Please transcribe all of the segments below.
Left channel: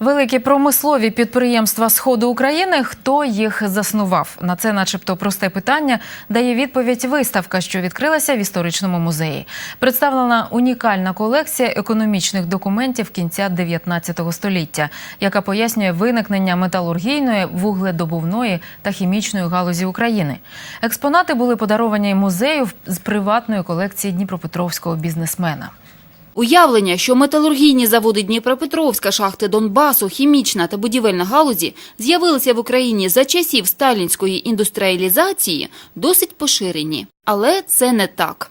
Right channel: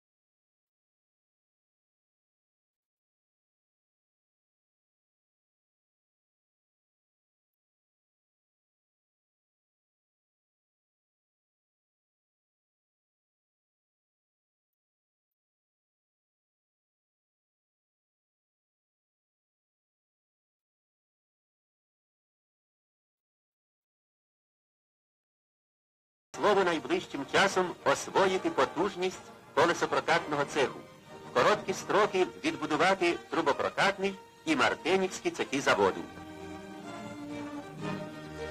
Великі промислові підприємства Сходу України. Хто їх заснував? На це, начебто, просте питання дає відповідь виставка, що відкрилася в історичному музеї. Представлена унікальна колекція економічних документів кінця 19 століття, яка пояснює виникнення металургійної, вугледобувної та хімічної галузі України. Експонати були подаровані музею з приватної колекції дніпропетровського бізнесмена. Уявлення, що металургійні заводи Дніпропетровська, шахти Донбасу, хімічна та будівельна галузі з'явилися в Україні за часів сталінської індустріалізації, досить поширені. Але це не так.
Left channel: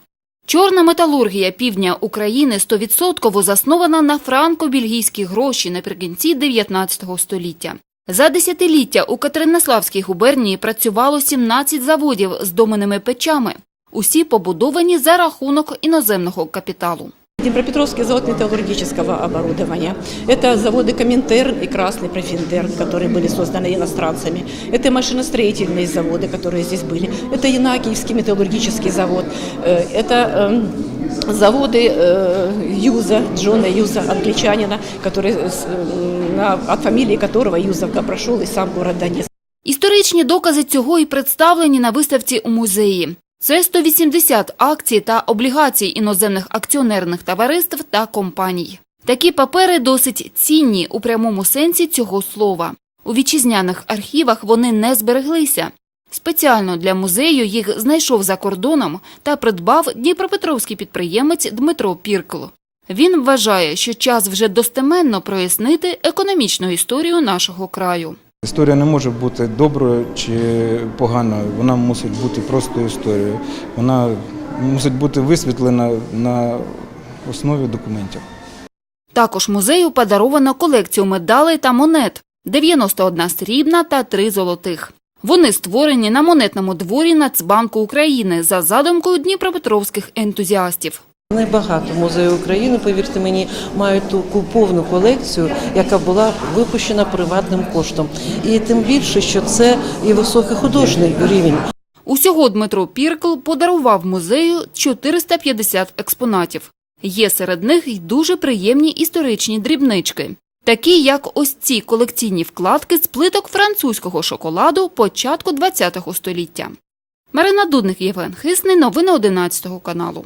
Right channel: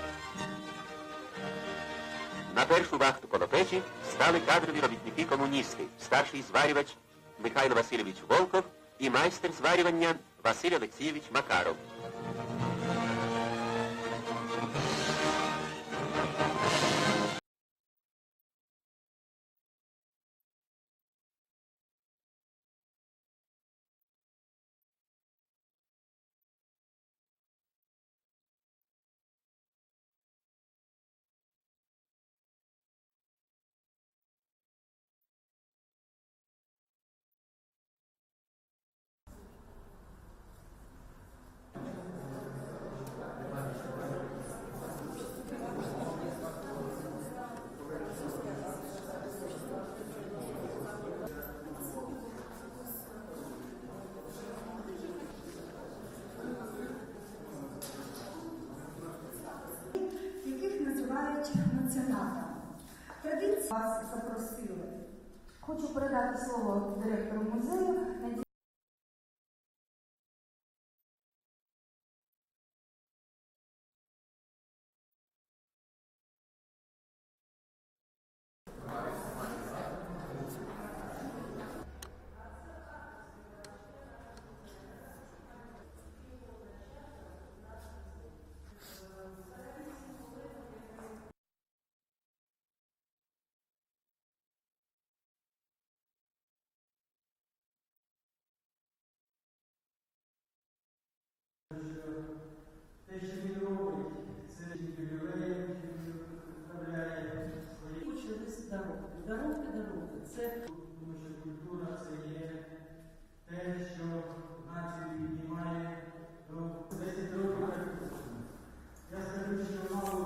Чорна металургія півдня України 100% заснована на франко-бельгійські гроші наприкінці 19 століття. За десятиліття у Катеринославській губернії працювало 17 заводів з доменними печами. Усі побудовані за рахунок іноземного капіталу. Днепропетровский завод металлургического оборудования. Это заводы Коминтерн и Красный Профиндерн, которые были созданы иностранцами. Это машиностроительные заводы, которые здесь были. Это Янакиевский металлургический завод. Э, Это эм, заводы э, Юза, Джона Юза, англичанина, который, с, э, на- от фамилии которого Юзовка прошел и сам город Донецк. Історичні докази цього і представлені на виставці у музеї. Це 180 акцій та облігацій іноземних акціонерних товариств та компаній. Такі папери досить цінні у прямому сенсі цього слова. У вітчизняних архівах вони не збереглися. Спеціально для музею їх знайшов за кордоном та придбав дніпропетровський підприємець Дмитро Піркл. Він вважає, що час вже достеменно прояснити економічну історію нашого краю. Історія не може бути доброю чи поганою, вона мусить бути просто історією. Вона мусить бути висвітлена на основі документів. Також музею подаровано колекцію медалей та монет – 91 срібна та 3 золотих. Вони створені на монетному дворі Нацбанку України за задумкою дніпропетровських ентузіастів. Небагато музею України, повірте мені, мають таку повну колекцію, яка була випущена приватним коштом. І тим більше, що це і високий художній рівень. Усього Дмитро Піркл подарував музею 450 експонатів. Є серед них й дуже приємні історичні дрібнички, такі як ось ці колекційні вкладки з плиток французького шоколаду початку ХХ століття. Марина Дудник, Євген Хисний, новини 11 каналу.